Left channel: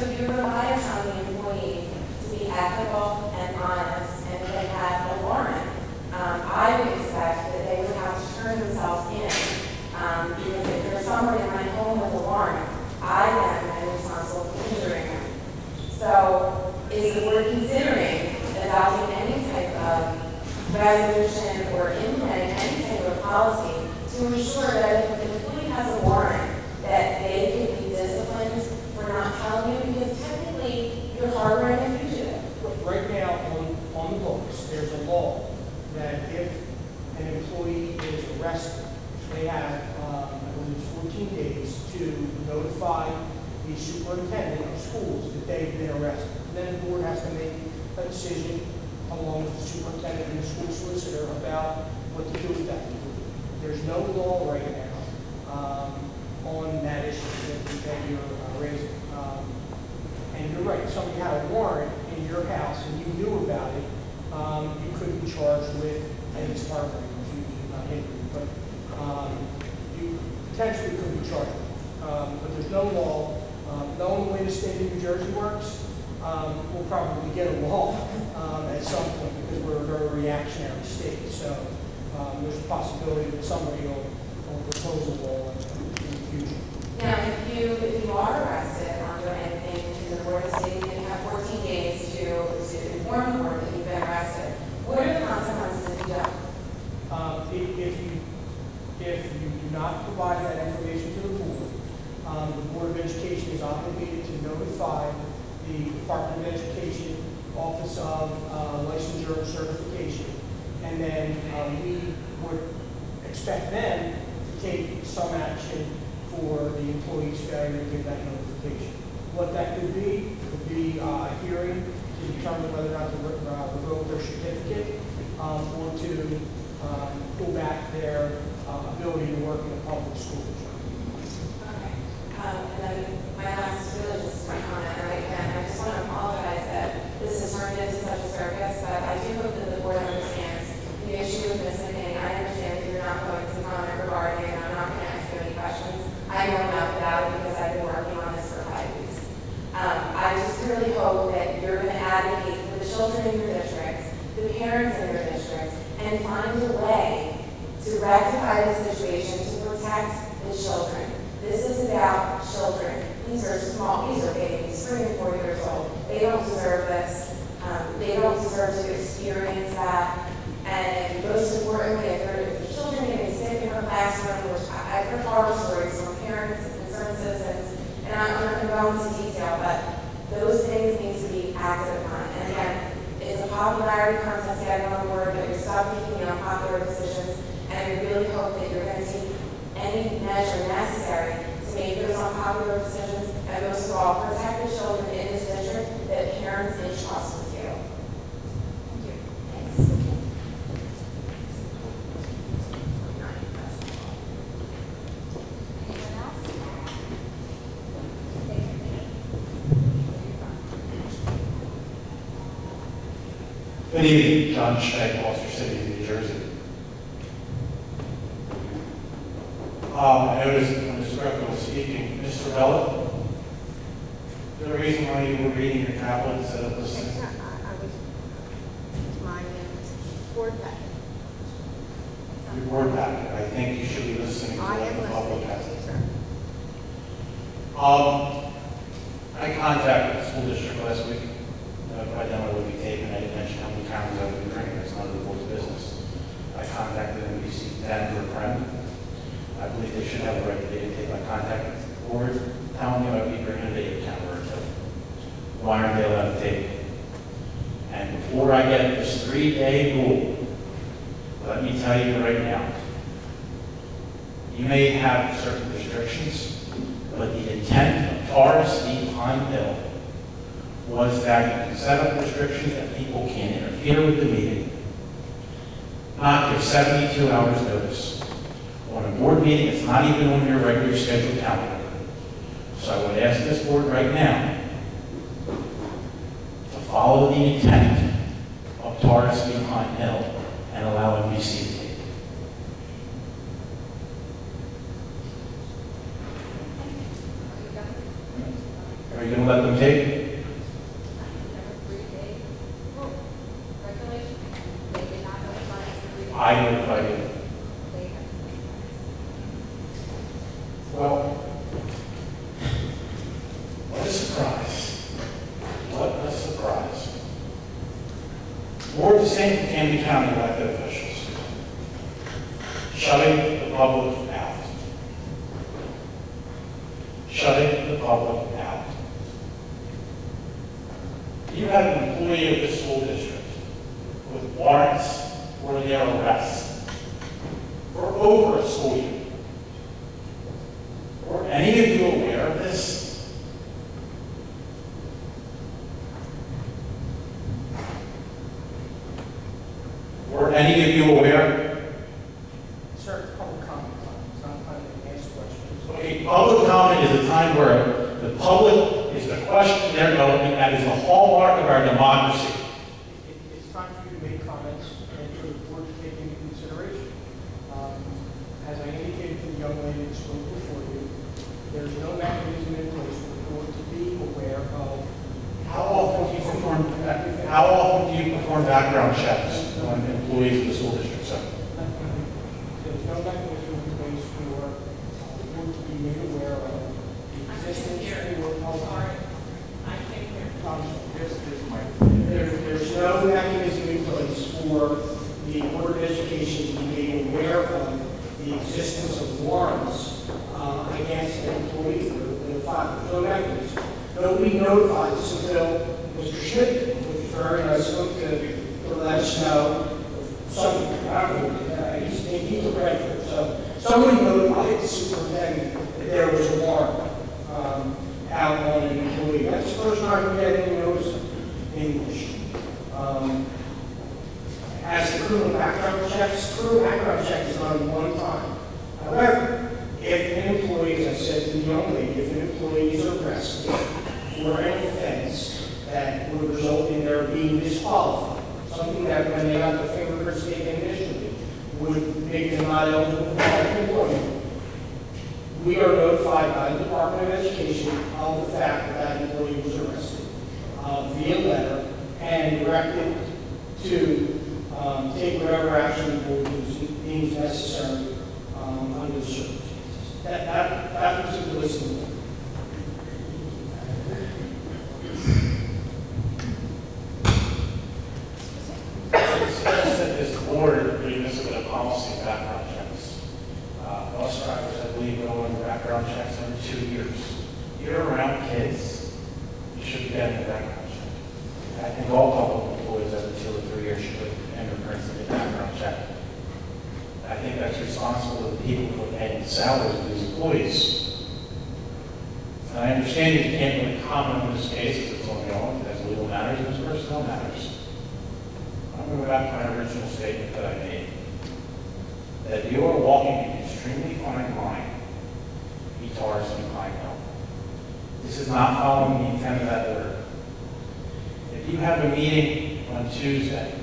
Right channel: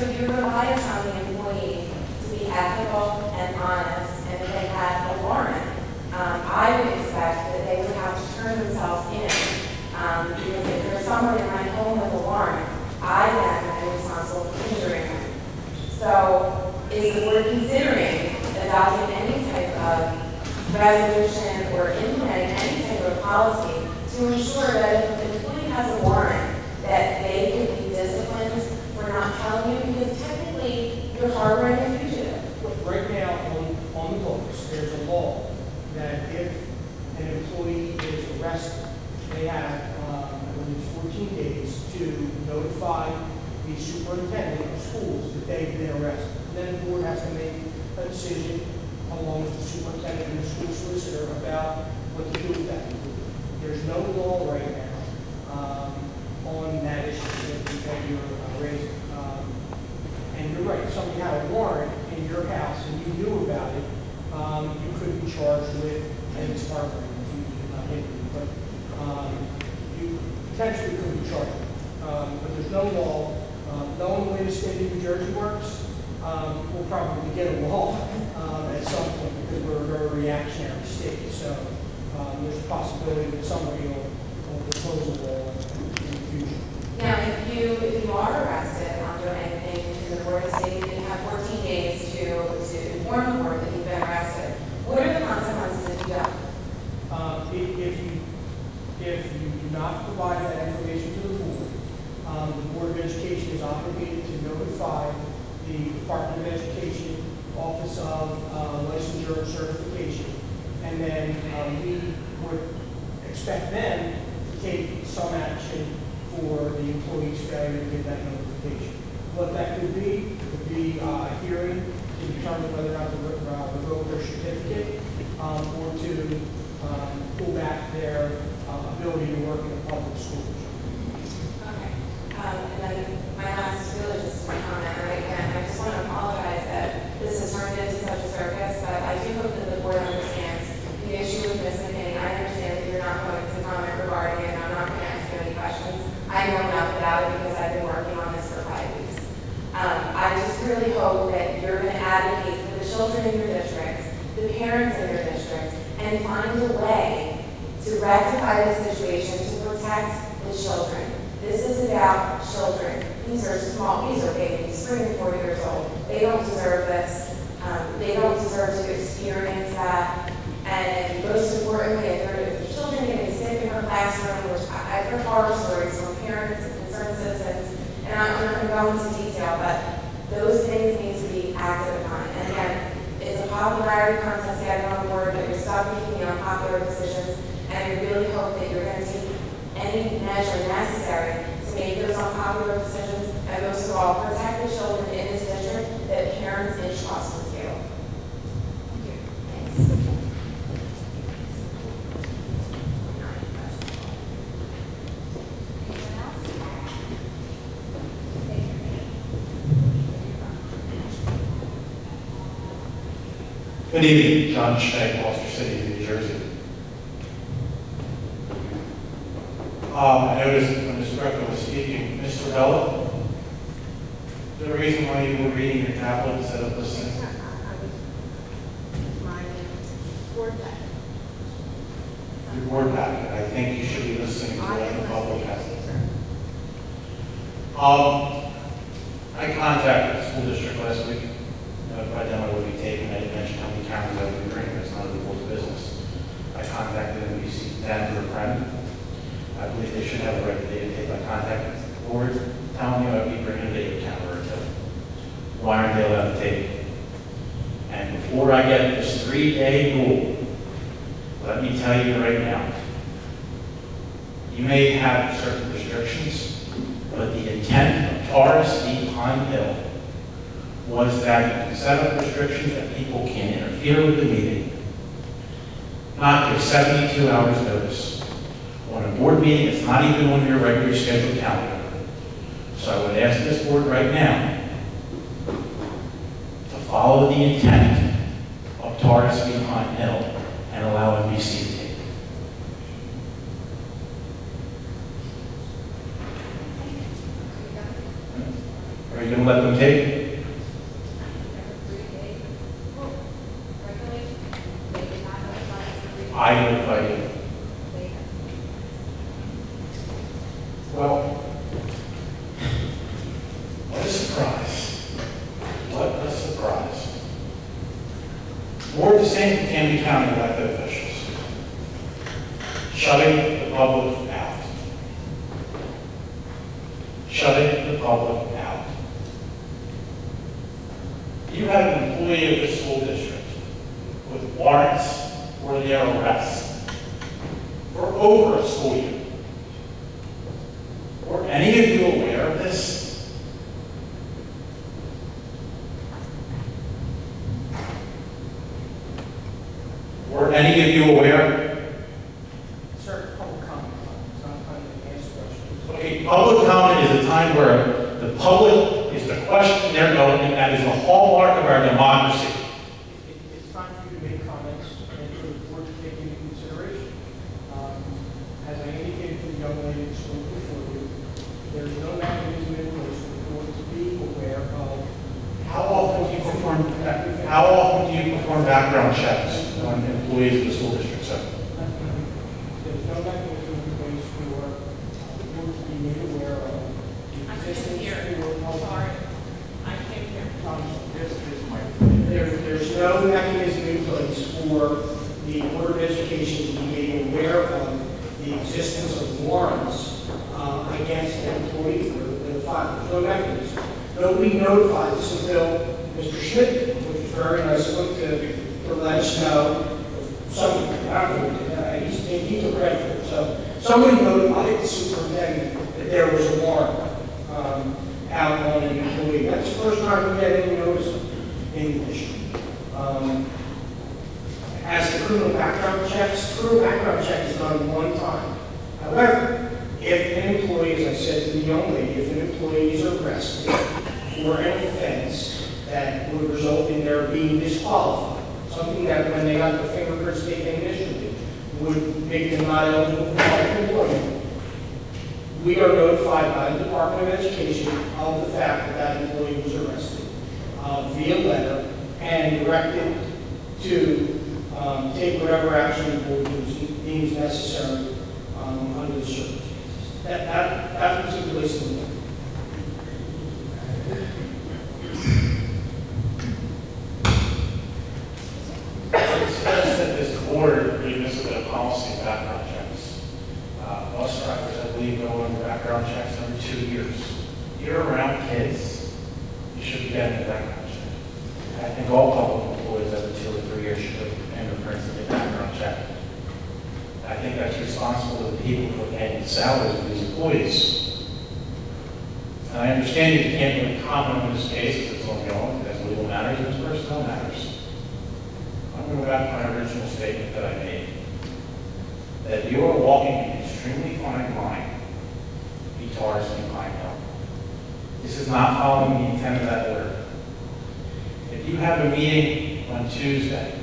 So you rely on the employee to be ethical and honest, and if they had a warrant, I would expect that they would have to turn themselves in, because if there's someone in my home with a warrant, I then am responsible for injuring them. So is the board considering adopting any type of resolution or implementing any type of policy to ensure that if an employee has a warrant, that they can be disciplined for not telling you, because technically you're harboring a fugitive? Right now, on the books, there's a law that if an employee is arrested, they have, I believe, 14 days to notify the superintendent of schools that they've been arrested. Then the board has to make a decision along with the superintendent and the school solicitor about what to do with that. There's no law right now on that issue that you're raising. And you're right, if somebody had a warrant in your house and you knew about it, you could be charged with, and it's harboring if you did not hit you, but you potentially could be charged. But there's no law. Knowing the way the state of New Jersey works, we'll probably get a law at some point because we're a very reactionary state. So there's a possibility that somebody will propose a law in the future. Now, if you are arrested on doing anything in the board of state, and you have 14 days to inform the board that you've been arrested, what are the consequences if you don't? If you do not provide that information to the Board of Education is obligated to notify the Department of Education Office of Licensure and Certification, and then we would expect them to take some action for the employee's failure to give that notification. What that could be a hearing to determine whether or not to revoke their certificate or to pull back their ability to work in a public school. Okay. And then my last is really just my comment, and I just want to apologize that this has turned into such a circus, but I do hope that the board understands the issue with Ms. McKinney. I understand that you're not going to comment regarding it, and I'm not going to ask you any questions. I know enough about it because I've been working on this for 5 weeks. I just really hope that you're going to advocate for the children in your districts, the parents in your districts, and find a way to rectify the situation to protect the children. This is about children. These are small, these are babies, 3 and 4 years old. They don't deserve this. They don't deserve to experience that. And most importantly, if the children getting sick in her classroom, which I've heard horror stories from parents and concerned citizens, and I'm not going to go into detail, but those things need to be acted upon. And again, it's a popularity contest getting on board, but you're stuck making unpopular decisions, and I really hope that you're going to take any measure necessary to make those unpopular decisions, and most of all, protect the children in this district that parents entrust with you. Thank you. Thanks. Good evening, John Schneck, Gloucester City, New Jersey. I noticed when Mr. Greco was speaking, Mr. Bella, is there a reason why you were reading your tablet instead of listening? My board packet. Your board packet. I think you should be listening to what the public has to say. I contacted the school district last week. I demo would be taken. I didn't mention how many cameras I would be bringing. It's none of the board's business. I contacted NBC 10 for a friend. I believe they should have the right to videotape. I contacted the board, telling me I'd be bringing a video camera to why aren't they allowed to tape? And before I get this 3-day rule, let me tell you right now, you may have certain restrictions, but the intent of Taurus v. Pine Hill was that you can set up restrictions that people can interfere with the meeting, not give 72 hours notice on a board meeting that's not even on your regular scheduled calendar. So I would ask this board right now to follow the intent of Taurus v. Pine Hill and allow NBC to tape. Are you we gonna let them take? Number 3A, regulation, they did not notify us to read. I notified you. They have. Well, what a surprise. What a surprise. More of the same from Camden County elected officials. Shutting the public out. Shutting the public out. You have an employee of the school district with warrants for their arrest for over a school year. Were any of you aware of this? Were any of you aware? Sir, public comment, it's not time to answer questions. Okay, public comment is a time where the public is the question they're going, and that is the hallmark of our democracy. It's time for you to make comments and for the board to take into consideration. As I indicated to the young lady that spoke before you, there's no mechanism in place for the board to be aware of. How often do you perform background checks on employees of the school district, sir? There's no mechanism in place for the board to be made aware of the existence or Sorry, I came here. There's no mechanism in place for the Board of Education to be made aware of the existence of warrants against an employee or the file. There's no mechanism. Nobody notified us until Mr. Schmidt, which was very nice of him to let us know. Somebody, I don't know, he's a graduate, so somebody notified the superintendent that there was a warrant out on an employee. That's the first time we had any notice in English. As the criminal background checks, criminal background check is done one time. However, if an employee, as I said to the young lady, if an employee is arrested for an offense that would result in their being disqualified, something that when they got their fingerprints taken initially would make them not eligible for public employment, we are notified by the Department of Education of the fact that that employee was arrested via letter and directed to take whatever action the board deems necessary under the circumstances. That was the list. It says that this board revisit a policy of background checks. Bus drivers, I believe, go under background checks every 2 years. You're around kids, you should be getting a background check. I think all public employees every 2 or 3 years should put fingerprints in the background check. I think that's responsible to the people who are paying the salaries of these employees. And I understand you can't really comment on this case as it's ongoing, as legal matters, and as personnel matters. I'm going to go back to my original statement that I made, that you are walking an extremely fine line, guitars and pine hill. This is not following the intent of that order. If you have a meeting on Tuesday,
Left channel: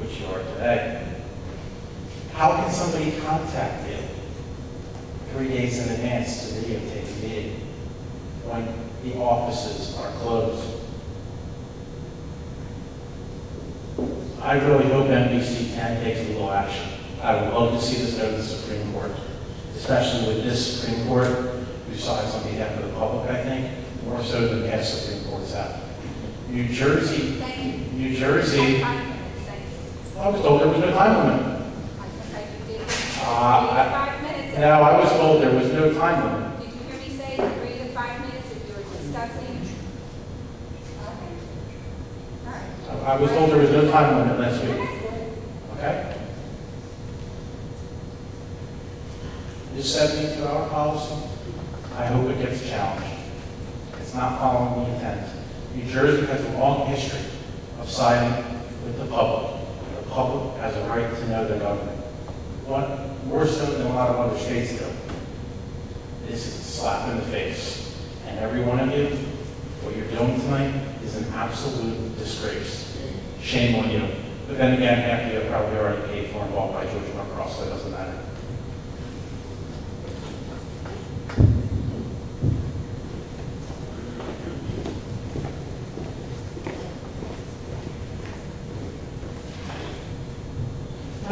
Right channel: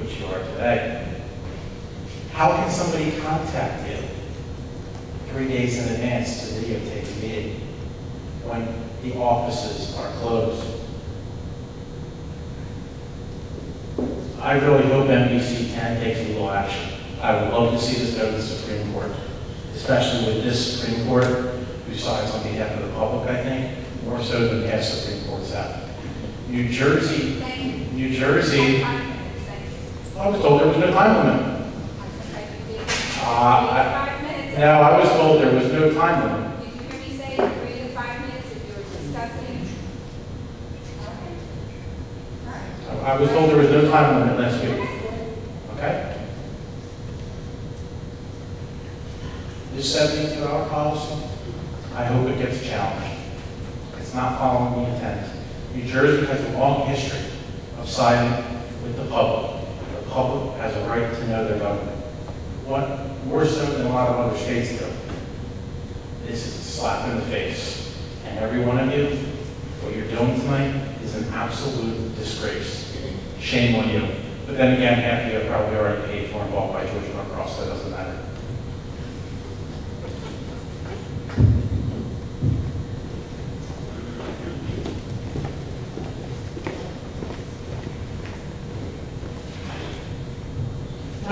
which you are today, how can somebody contact you 3 days in advance to videotape the meeting when the offices are closed? I really hope NBC 10 takes legal action. I would love to see this go to the Supreme Court, especially with this Supreme Court who sides on behalf of the public, I think, more so than past Supreme Courts have. New Jersey, I was told there was no time limit. No, I was told there was no time limit. Did you hear me say 3 to 5 minutes if you were discussing? Okay. All right. I was told there was no time limit last week. Okay? This 72-hour policy, I hope it gets challenged. It's not following the intent. New Jersey has a long history of siding with the public. The public has a right to know their government. What more so than a lot of other states do. This is a slap in the face. And every one of you, what you're doing tonight is an absolute disgrace. Shame on you. But then again, half of you are probably already paid for and bought by George Norcross, so it doesn't matter.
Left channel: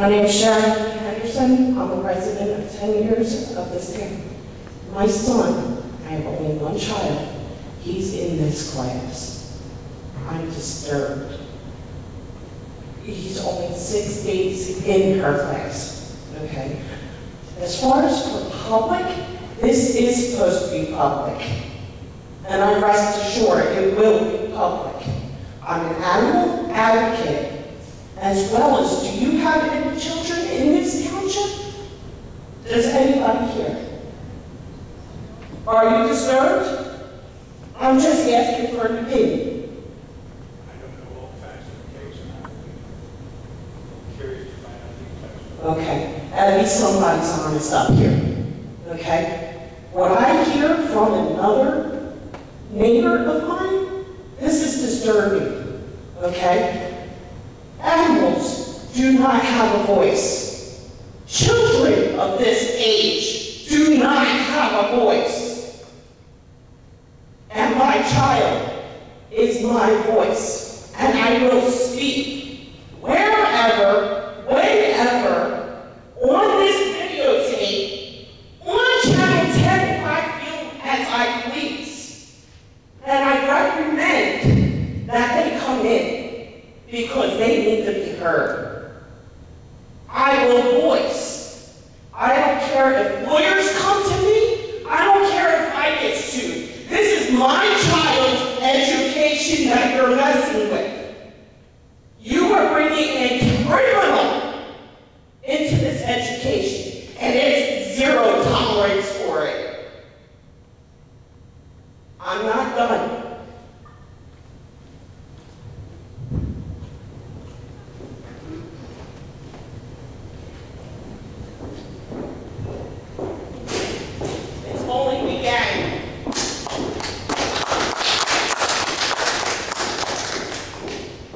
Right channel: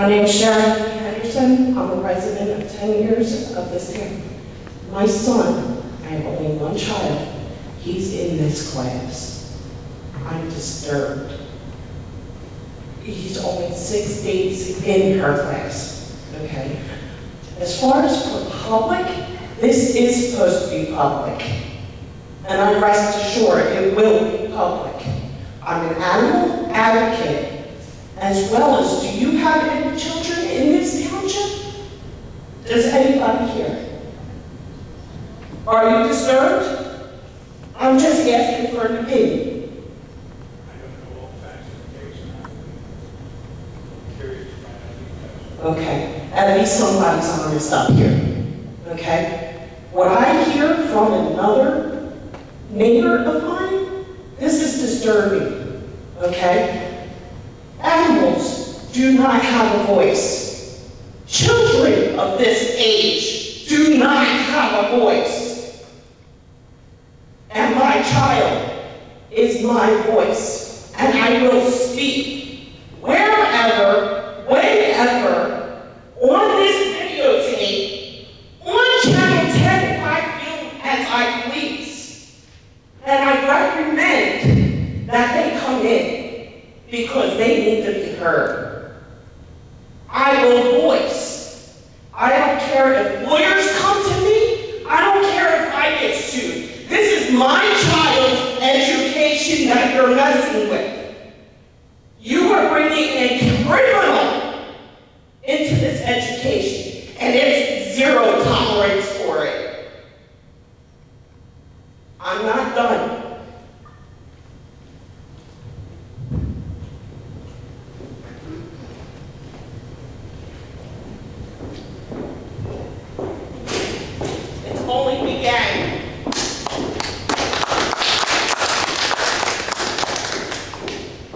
My name is Sharon Henderson. I'm a resident of 10 years of this town. My son, I have only one child, he's in this class. I'm disturbed. He's only 6 days in her class, okay? As far as for public, this is supposed to be public. And I rest assured it will be public. I'm an animal advocate, as well as, do you have any children in this township? Does anybody here? Are you disturbed? I'm just asking for an opinion. I don't know all the facts of the case, and I'm curious to find out details. Okay, at least somebody's honest up here, okay? What I hear from another neighbor of mine, this is disturbing, okay? Animals do not have a voice. Children of this age do not have a voice. And my child is my voice, and I will speak wherever, whenever, on this videotape, on Channel 10 if I feel as I please. And I recommend that they come in because they need to be heard. I will voice. I don't care if lawyers come to me. I don't care if I get sued. This is my child's education that you're messing with. You are bringing a criminal into this education, and it's zero tolerance for it. I'm not done. It's only began.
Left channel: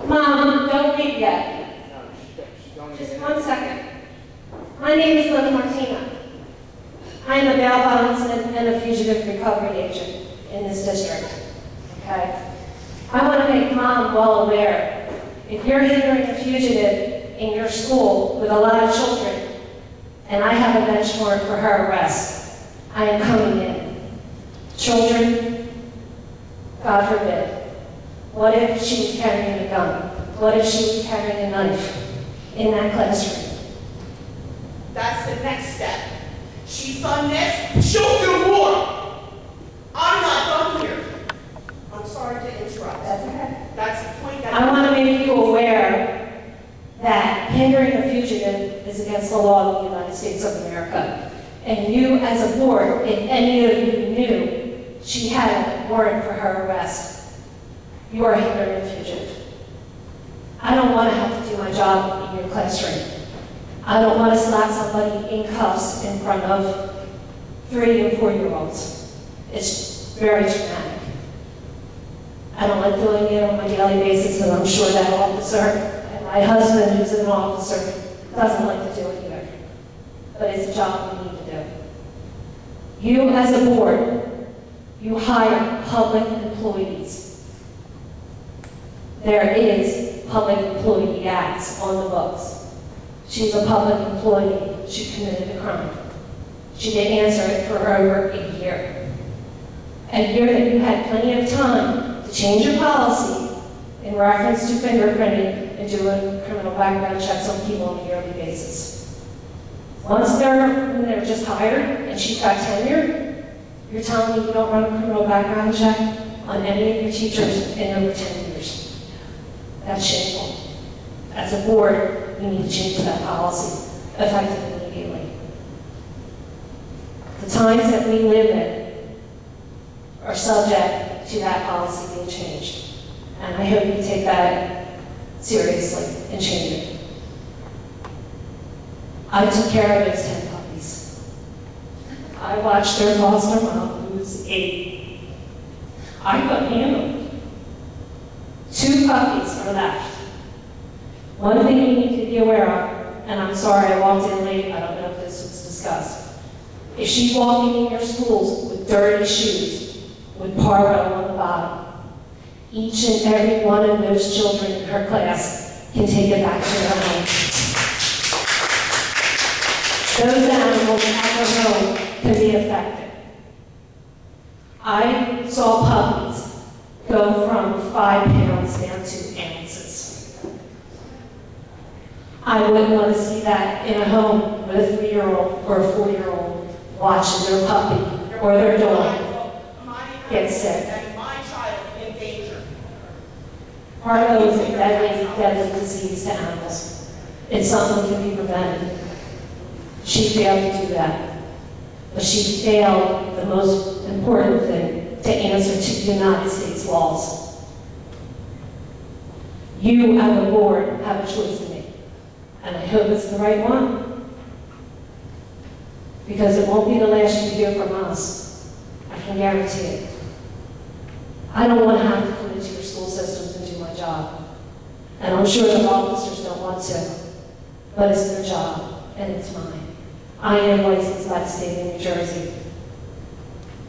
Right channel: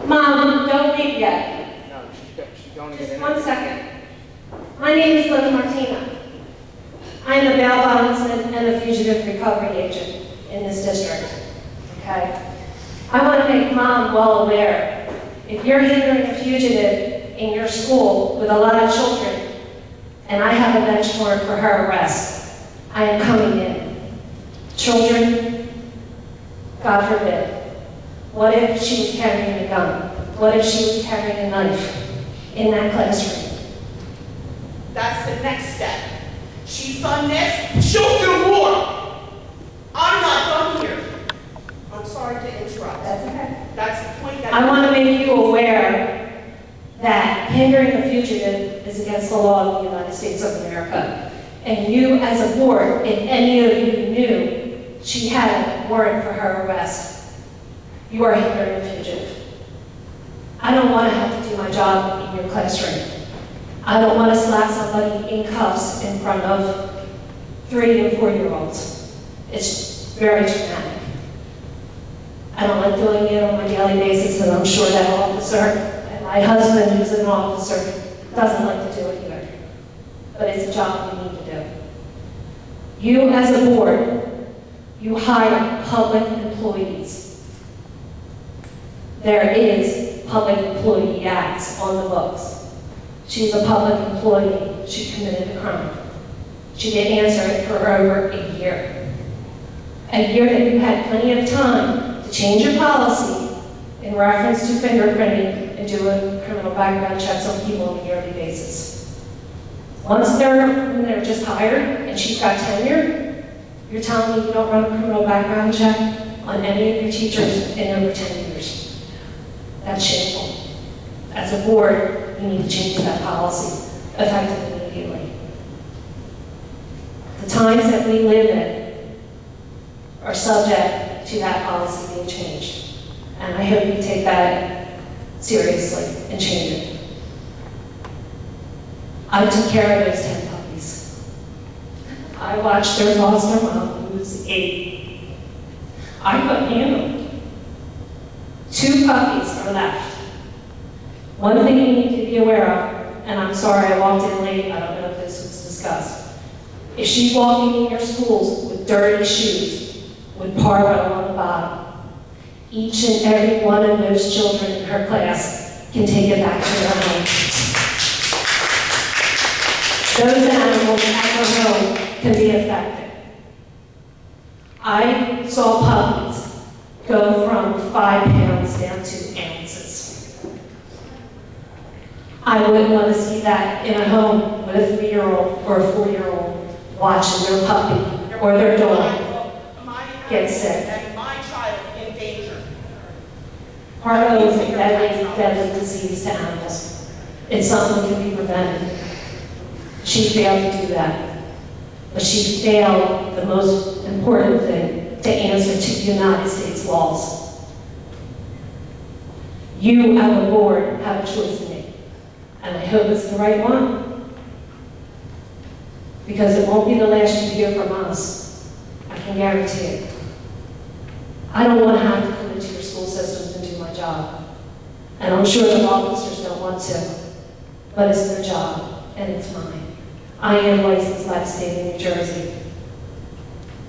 Mom, don't leave yet. No, she's going to Just get in. 1 second. My name is Liv Martina. I am a bail bondsman and a fugitive recovery agent in this district, okay? I want to make Mom well aware, if you're hindering a fugitive in your school with a lot of children, and I have a bench warrant for her arrest, I am coming in. Children, God forbid. What if she was carrying a gun? What if she was carrying a knife in that classroom? That's the next step. She's done this, she'll do more. I'm not done here. I'm sorry to interrupt. That's okay. That's the point that I want to make you aware that hindering a fugitive is against the law of the United States of America. And you, as a board, if any of you knew she had a warrant for her arrest, you are hindering a fugitive. I don't want to have to do my job in your classroom. I don't want to slap somebody in cuffs in front of 3 and 4-year-olds. It's very traumatic. I don't like doing it on my daily basis, and I'm sure that officer, and my husband, who's an officer, doesn't like to do it either. But it's a job we need to do. You, as a board, you hire public employees. There is Public Employee Acts on the books. She's a public employee. She committed a crime. She didn't answer it for over a year. A year that you had plenty of time to change your policy in reference to fingerprinting and do a criminal background checks on people on a yearly basis. Once they're just hired and she's got tenure, you're telling me you don't run a criminal background check on any of your teachers in over 10 years. That's shameful. As a board, we need to change that policy effective immediately. The times that we live in are subject to that policy being changed. And I hope you take that seriously and change it. I took care of those 10 puppies. I watched their foster mom, who was 8. I couldn't handle it. 2 puppies are left. One thing you need to be aware of, and I'm sorry I walked in late, I don't know if this was discussed. If she's walking in your schools with dirty shoes, with Parvo on the bottom, each and every one of those children in her class can take it back to their home. I saw puppies go from 5 pounds down to ounces. I wouldn't want to see that in a home with a 3-year-old or a 4-year-old watching their puppy or their dog get sick. And my child in danger. Parvo is a deadly disease to animals. It's something that can be prevented. She failed to do that. But she failed the most important thing, to answer to United States laws. You, as a board, have a choice to make. And I hope it's the right one. Because it won't be the last you hear from us. I can guarantee it. I don't want to have to come into your school systems and do my job. And I'm sure the officers don't want to. But it's their job, and it's mine. I am licensed by the state of New Jersey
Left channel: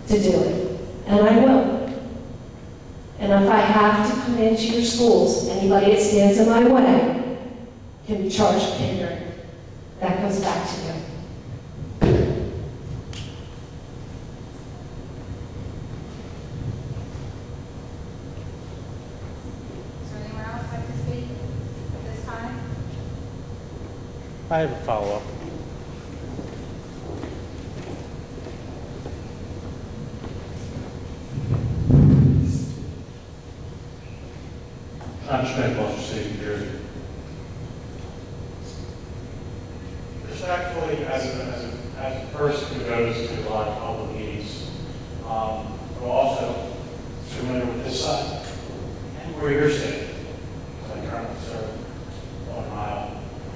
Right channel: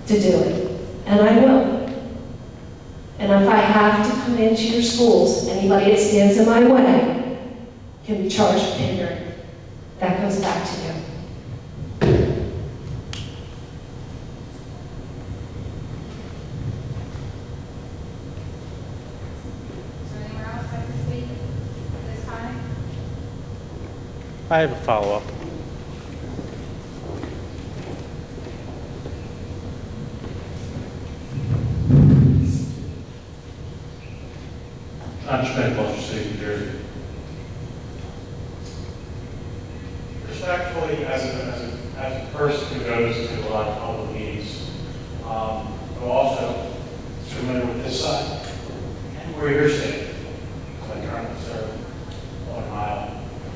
to do it, and I will. And if I have to come into your schools, anybody that stands in my way can be charged with hindering. That goes back to you. Is there anyone else like to speak at this time? I have a follow-up. John Schmidt, Gloucester City, New Jersey. Respectfully, as a person who goes to a lot of public meetings, but also familiar with this side and where you're sitting, because I currently serve 1 mile on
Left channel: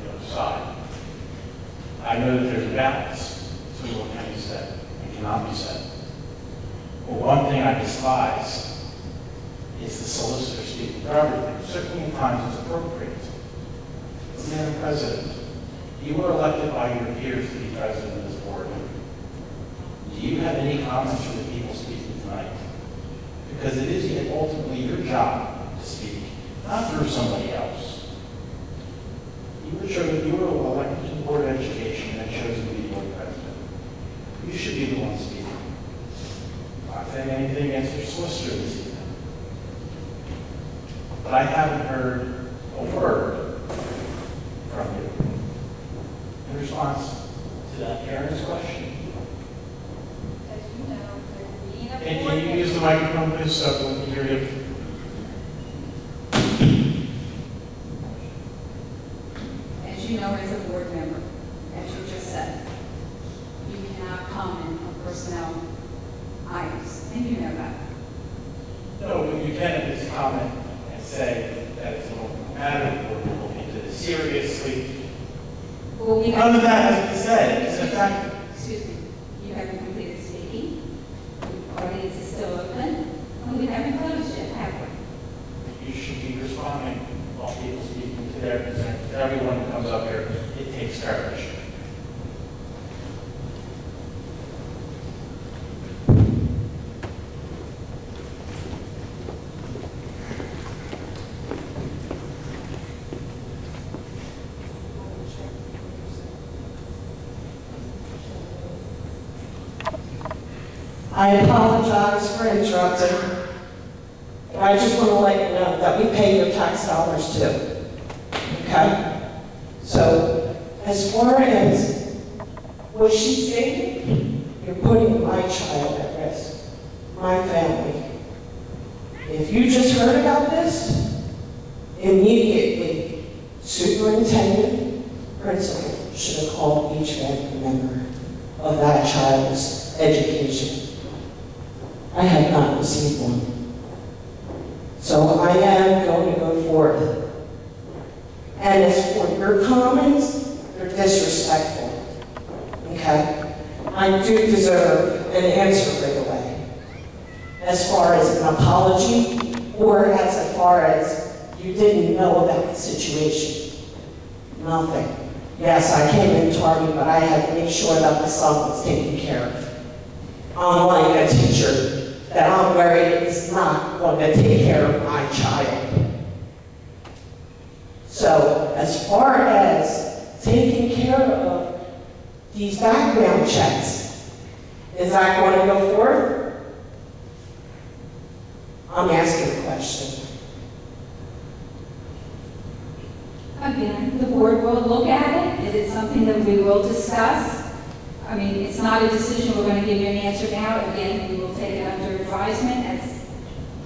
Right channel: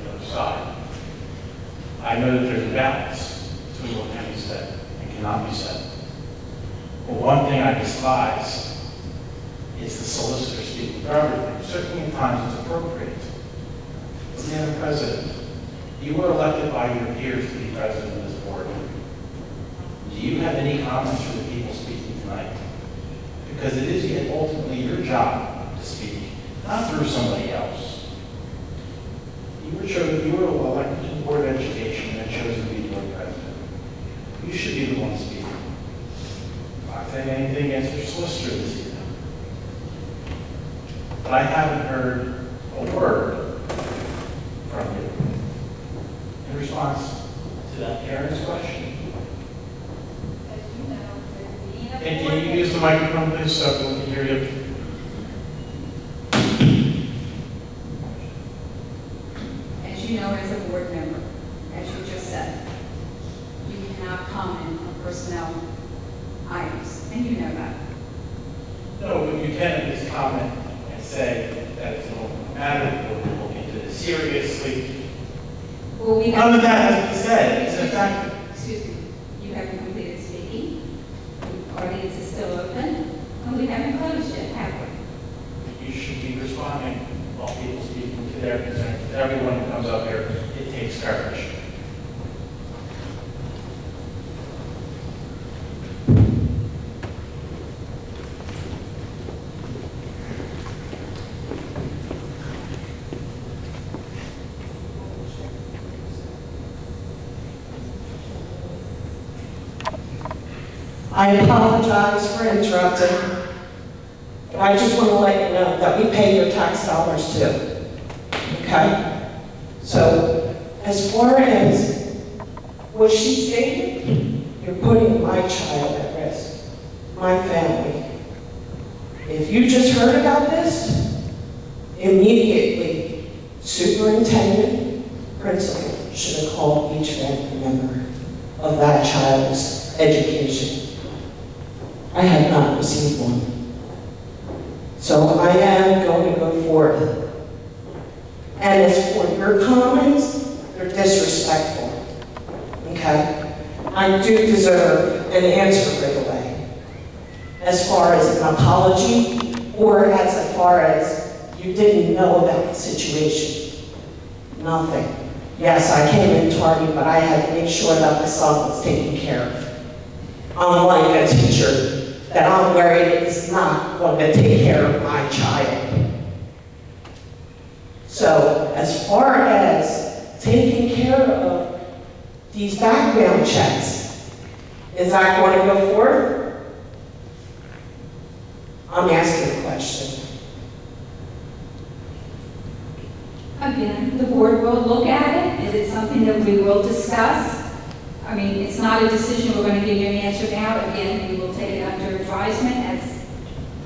the other side. I know that there's a balance between what can be said and cannot be said. But one thing I despise is the solicitor speaking for everything. Certainly at times it's appropriate. But Madam President, you were elected by your peers to be president of this board. Do you have any comments for the people speaking tonight? Because it is yet ultimately your job to speak, not through somebody else. You were elected to the Board of Education and chosen to be board president. You should be the one speaking. I'm not saying anything against your solicitor this evening. But I haven't heard a word from you in response to that Karen's question. As you know, there being a board And can you use the microphone, please, so everyone can hear you? As you know, as a board member, as you just said, you cannot comment on personnel items, and you know that. No, but you can at least comment and say that it's no matter, or we'll look into this seriously. Well, we None of have, that has been said. It's in fact, excuse me, you haven't completed speaking, the audience is still open, and we haven't closed yet, have we? you should be responding while people speaking to their concerns. To everyone who comes up here, it takes courage. I apologize for interrupting, but I just want to let you know that we pay your tax dollars too, okay? So, as far as what she stated, you're putting my child at risk, my family. If you just heard about this, immediately, superintendent, principal should have called each family member of that child's education. I have not received one. So I am going to go forth. And as for your comments, they're disrespectful. Okay? I do deserve an answer right away. As far as an apology, or as far as you didn't know about the situation. Nothing. Yes, I came in tardy, but I had to make sure that my son was taken care of. Unlike a teacher that I'm worried is not going to take care of my child. So, as far as taking care of these background checks, is that going to go forward? I'm asking a question. Again, the board will look at it. It is something that we will discuss. I mean, it's not a decision we're going to give you an answer now. Again, we will take it under advisement, as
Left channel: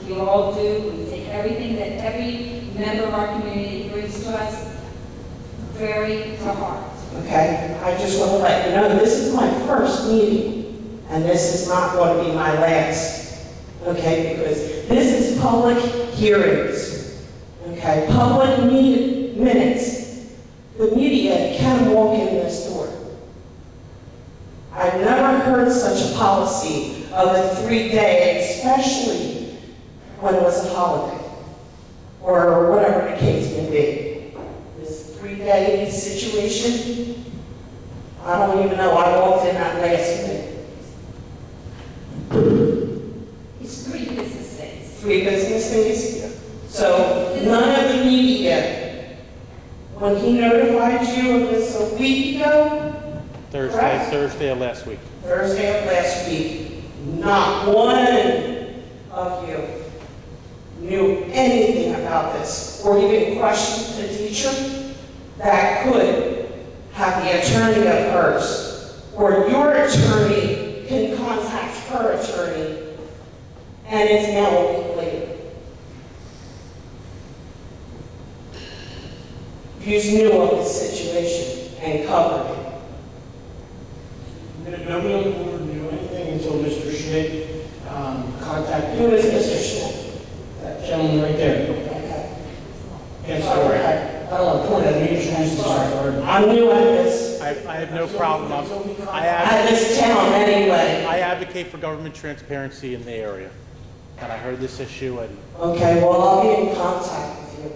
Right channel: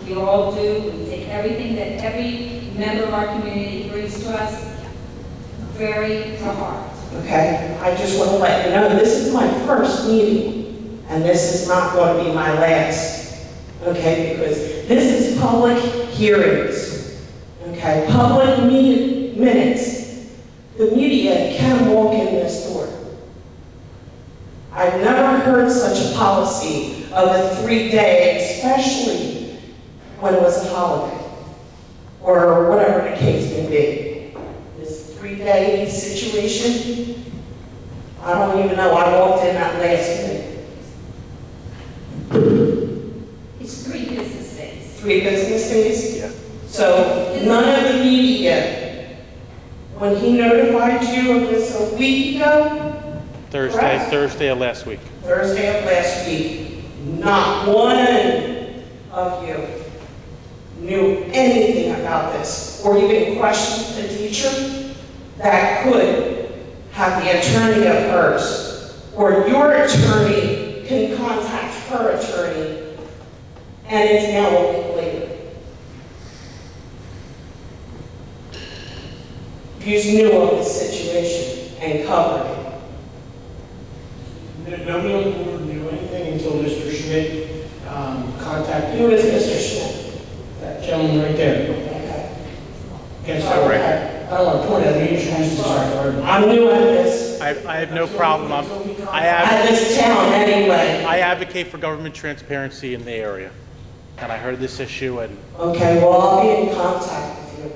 we all do. We take everything that every member of our community brings to us very to heart. Okay, I just want to let you know, this is my first meeting, and this is not going to be my last, okay, because this is public hearings, okay, public minutes. The media can walk in this door. I've never heard such a policy of a 3-day, especially when it was a holiday, or whatever the case may be. 3-day situation. I don't even know, I walked in that last minute. It's 3 business days. 3 business days? Yeah. So none of the media, when he notified you of this a week ago? Correct? Thursday of last week. Thursday of last week, not one of you knew anything about this, or even questioned the teacher that could have the attorney of hers, or your attorney can contact her attorney, and it's now a week later. You knew of the situation and covered it. Nobody on the board knew anything until Mr. Schmidt contacted. Who is Mr. Schmidt? That gentleman right there. Okay. Yes, all right. I don't want to point at me, introduce yourself. I'm new at this. I have no problem. At this town anyway. I advocate for government transparency in the area. And I heard this issue and Okay, well, I'll be in contact with you.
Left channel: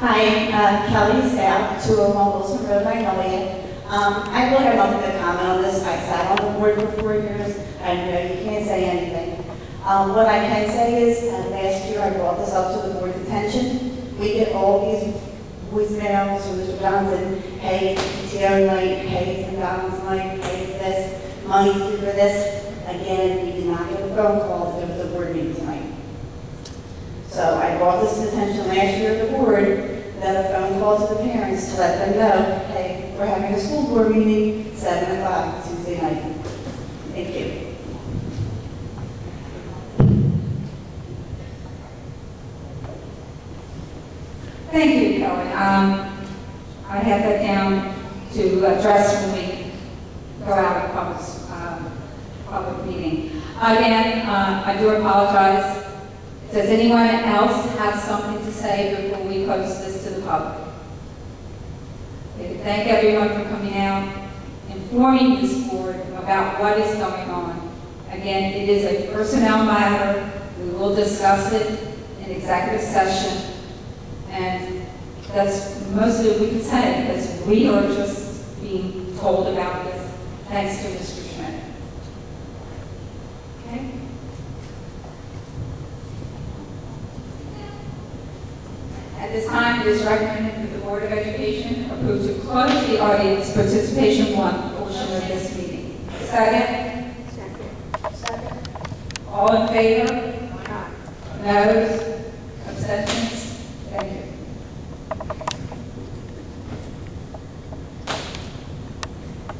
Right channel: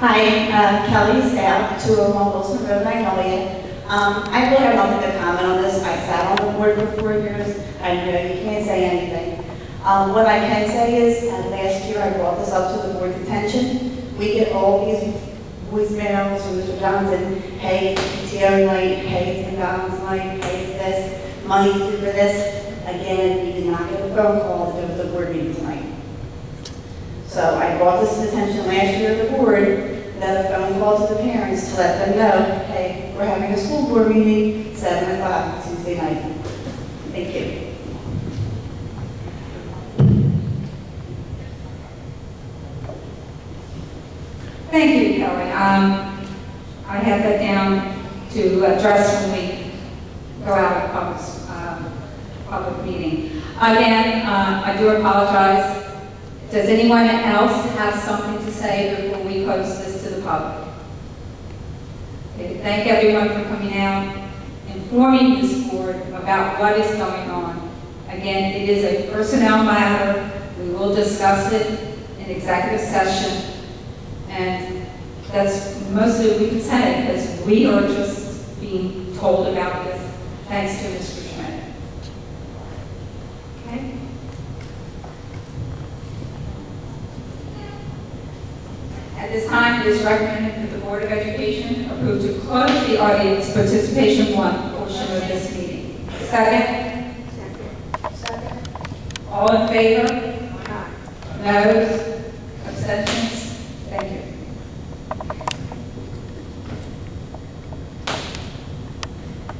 Hi, Kelly Stout, 201 Wilson Road, Magnolia. I really have nothing to comment on this. I sat on the board for 4 years. I know you can't say anything. What I can say is, last year I brought this up to the board's attention. We get all these voicemails from Mr. Johnson, hey, it's PTO night, hey, it's McDonald's night, hey, it's this, money's due for this. Again, we did not get a phone call to go to the board meeting tonight. So I brought this to the attention last year of the board, then a phone call to the parents to let them know, hey, we're having a school board meeting, 7 o'clock Tuesday night. Thank you. Thank you, Kelly. I have that down to address when we go out of public meeting. Again, I do apologize. Does anyone else have something to say before we post this to the public? Okay, thank everyone for coming out, informing this board about what is going on. Again, it is a personnel matter. We will discuss it in executive session. And that's mostly what we can say, because we are just being told about this, thanks to Mr. Schmidt. Okay? At this time, it is recommended that the Board of Education approve to close the audience participation 1 portion of this meeting. Second? Second. All in favor? Noes? Abstentions? Thank you.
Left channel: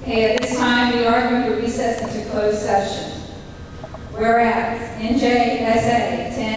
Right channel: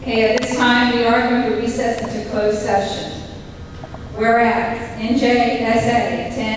Okay, at this time, we are going to recess into closed session. Whereas NJSA 10